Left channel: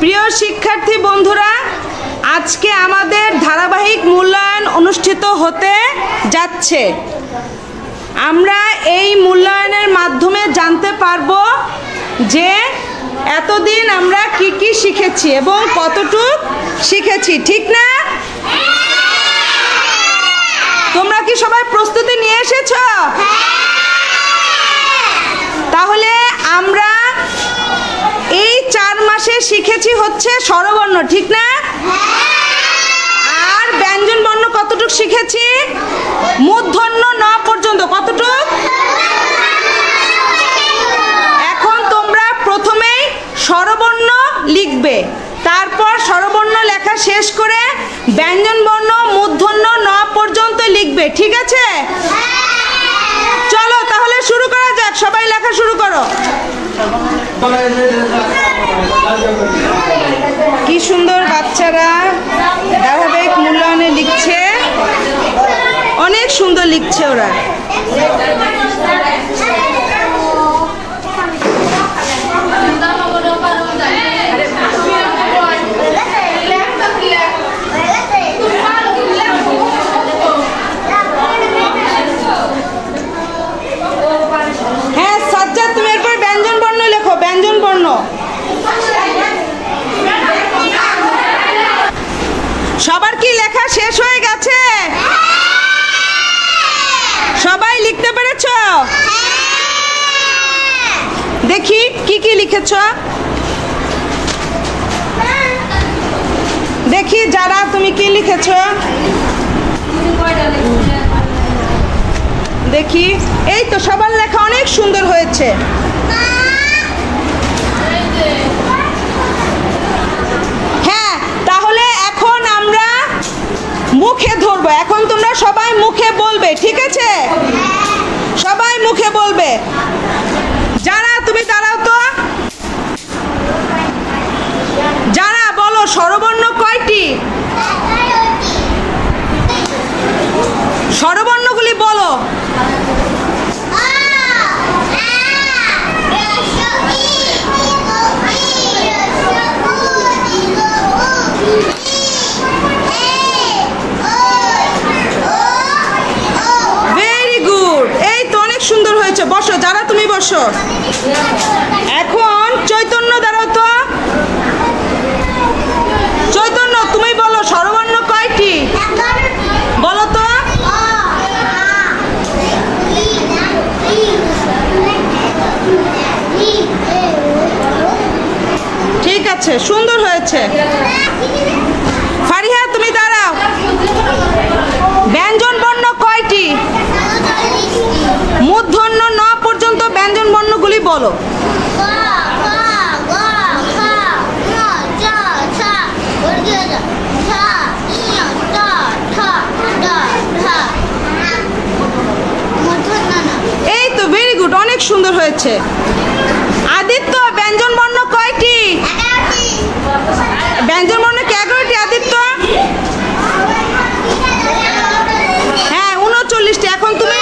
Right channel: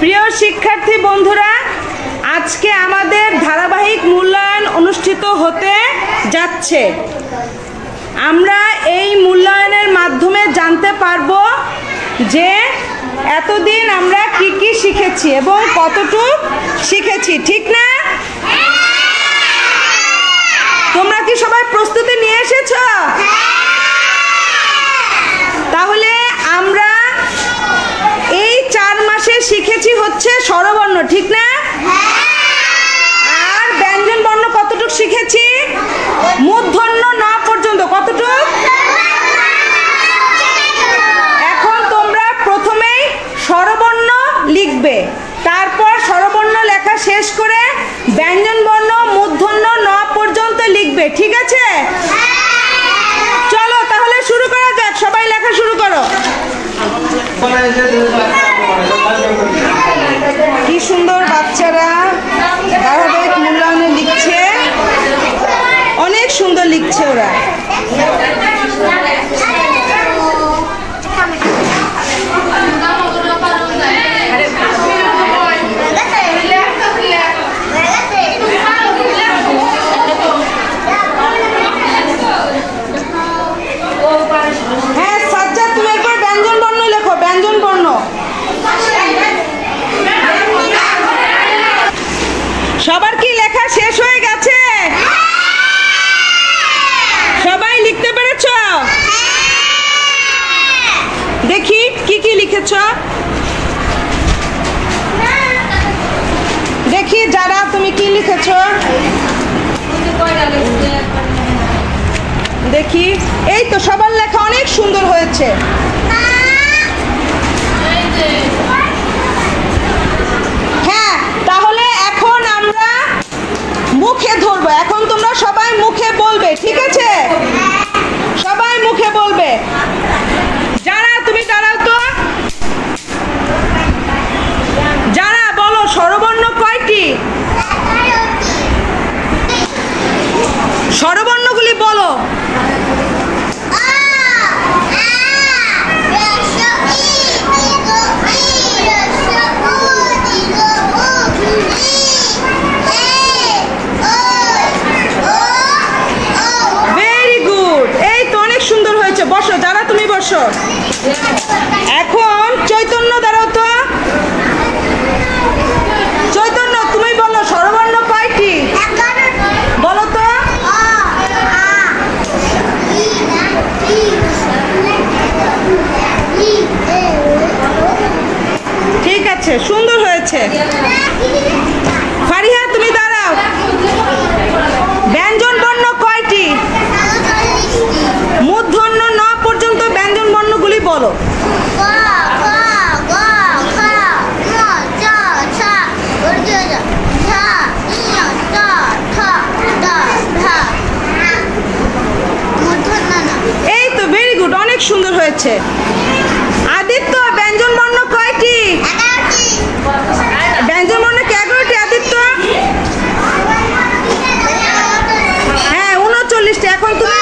প্রিয় শিক্ষার্থী বন্ধুরা, আজকে আমাদের ধারাবাহিক মূল্যায়ন অনুষ্ঠিত হতে যাচ্ছে। আমরা এই মূল্যায়নের মাধ্যমে জানতে পারবো যে এতদিন আমরা কি কি শিখেছি এবং কতটুকু শিখেছি, ঠিক না? তোমরা কি সবাই প্রস্তুতি নিয়ে এসেছো? তাহলে আমরা এই 4 মাসে শিখেছি হচ্ছে স্বরবর্ণ, ঠিক না? আর ব্যঞ্জন বর্ণ কতটুকু শিখেছি? মূর্ধন্য ন পর্যন্ত। কতটুকু? এখন তোমরা প্রথমেই স্বরবর্ণ লিখবে, তারপর স্বরবর্ণ লেখা শেষ করে ব্যঞ্জন বর্ণ মূর্ধন্য ন পর্যন্ত লিখবে, ঠিক আছে? চলো তাহলে শুরু করা যাক, সবাই লেখা শুরু করো। কি সুন্দর বাচ্চারা ধারাবাহিক মূল্যায়নে লিখছে, অনেক সুন্দর লিখছে ওরা। হ্যাঁ সাজ্জাদ, তুমি একবার ব্যঞ্জন বর্ণ লেখো, ব্যঞ্জন বর্ণ। সবার কি লেখা শেষ হয়ে গেছে? সবাই লিখতে পেরেছ? দেখি কি কি লিখেছ, দেখি যারা তুমি কি লিখেছ, দেখি। এই তো সবার লেখা অনেক সুন্দর হয়েছে। হ্যাঁ, তাহলে এখন আমরা মুখে ধরবো। এখন তোমরা সবাই মুখে বলবে, ঠিক আছে? সবাই মুখে বলবে। যারা তুমি দাঁড়াও তো, যারা বলো স্বরবর্ণ কয়টি? স্বরবর্ণগুলি বলো। ভেরি গুড, এই তো অনেক সুন্দর হয়েছে। বসো, যারা তুমি বসো। এখন চৈতন্য দাঁড়াও তো। চৈতন্য তুমি বলো স্বরবর্ণ কয়টি? বলো তো। ঠিক আছে, সুন্দর হয়েছে। ফারিহা তুমি দাঁড়াও। ব্যঞ্জন বর্ণ কয়টি? মূর্ধন্য ন পর্যন্ত ব্যঞ্জন বর্ণগুলি বলো। এই তো ভেরি গুড, অনেক সুন্দর হয়েছে। আদিত্য ব্যঞ্জন বর্ণ কয়টি? ব্যঞ্জন বর্ণ কি 11টি আদিত্য? হ্যাঁ 39টি। এখন তুমি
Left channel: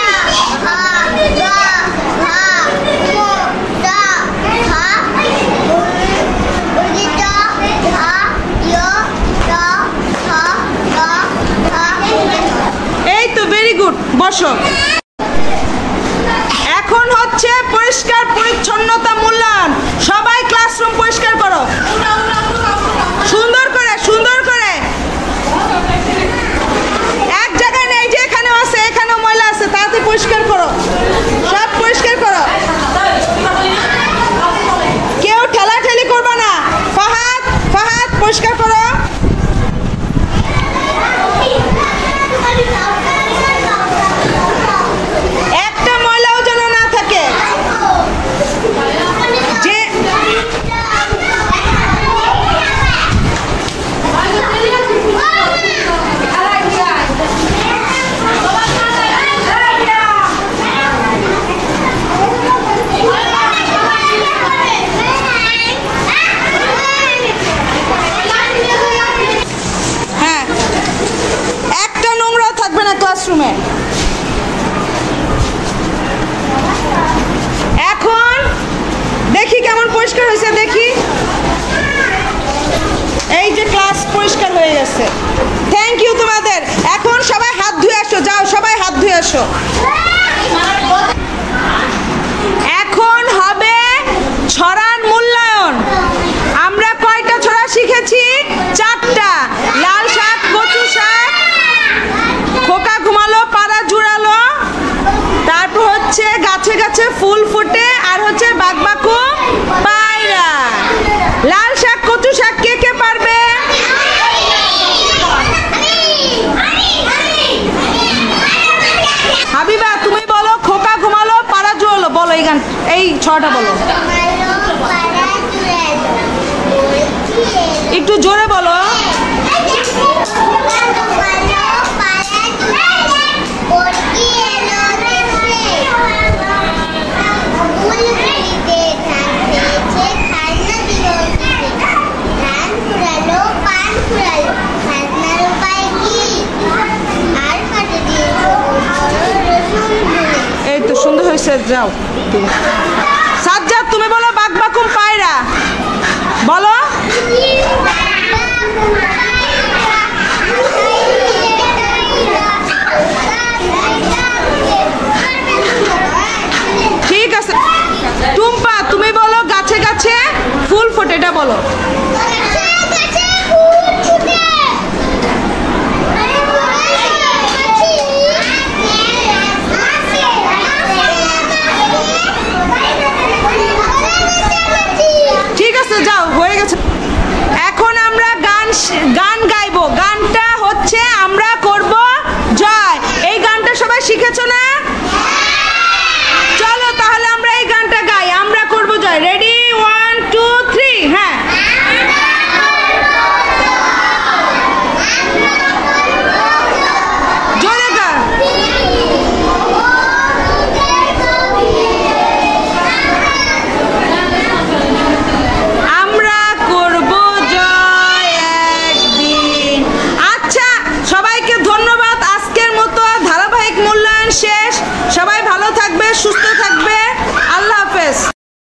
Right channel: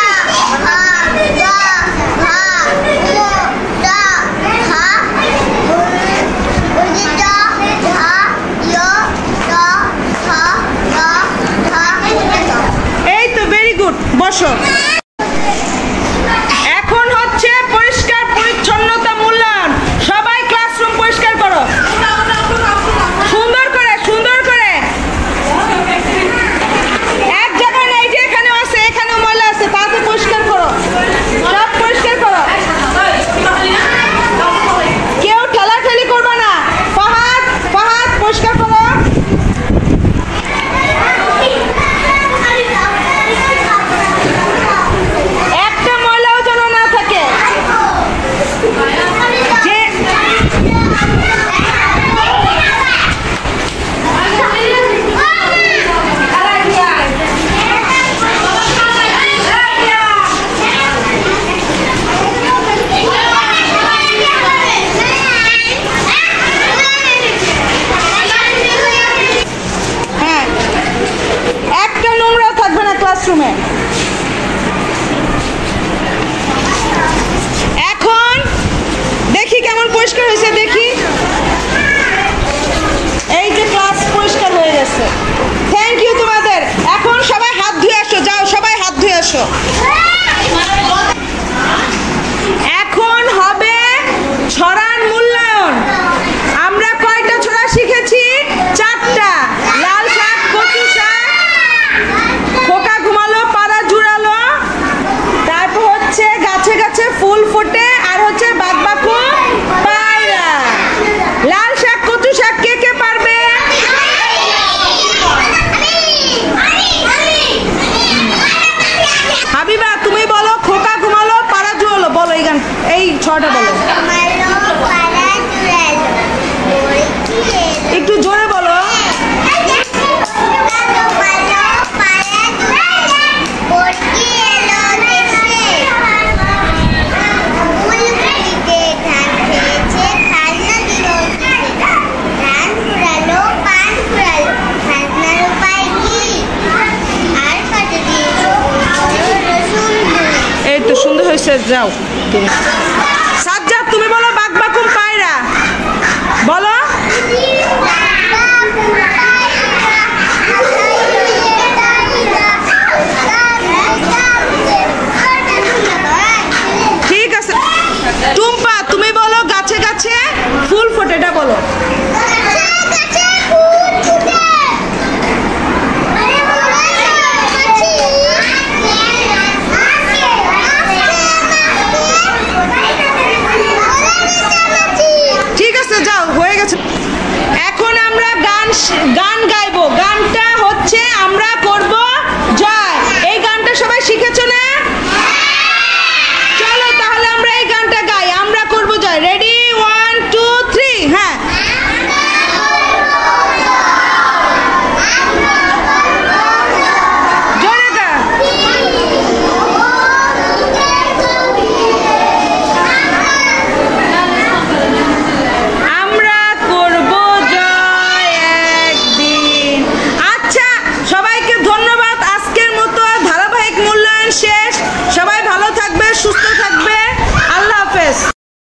এই তো ভেরি গুড, বসো। এখন হচ্ছে পরিষ্কার পরিচ্ছন্নতা মূল্যায়ন। সবাই ক্লাসরুম পরিষ্কার করো, সুন্দর করে, সুন্দর করে। এক জায়গায় নেই, যে এখানেও আছে, এখানেও ময়লা আছে, তাতে পরিষ্কার করো, সব পরিষ্কার করো। কেউ ঠেলাঠেলি করবে না। ফাহাদ, ফাহাদ পরিষ্কার করো। একটা ময়লাও যেন না থাকে। যে হ্যাঁ, একটা নোংরাও থাকবে না ক্লাসরুমে। এখন দেখি কেমন পরিষ্কার হয়েছে, দেখি। ধুয়ে আসো। এখন হবে ছড়ার মূল্যায়ন। আমরা কয়টা ছড়া শিখেছি? 4টা। লাল শাক, কচু শাক, খোকা ঘুমালো পাড়া জুড়ালো, তারপর হচ্ছে গাছে গাছে ফুল ফোটে, আর হচ্ছে বাঘবাকু পায়রা। লাল শাক কচু শাক কে কে পারবে? হাবিবা তুমি বলো। খোকা ঘুমালো পাড়া জুড়ালো, বলো এই গান, এই ছড়াটা বলো। একটু জোরে বলো। এই তো সুন্দর হয়েছে, যাও তুমি। সাজ্জাদ তুমি বলো বাঘবাকুম পায়রা, বলো। ঠিক আছে। টুম্পা তুমি বলো গাছে গাছে ফুল ফোটে, এটা বলো। ঠিক আছে, যাও, হয়ে গেছে। এখন আমরা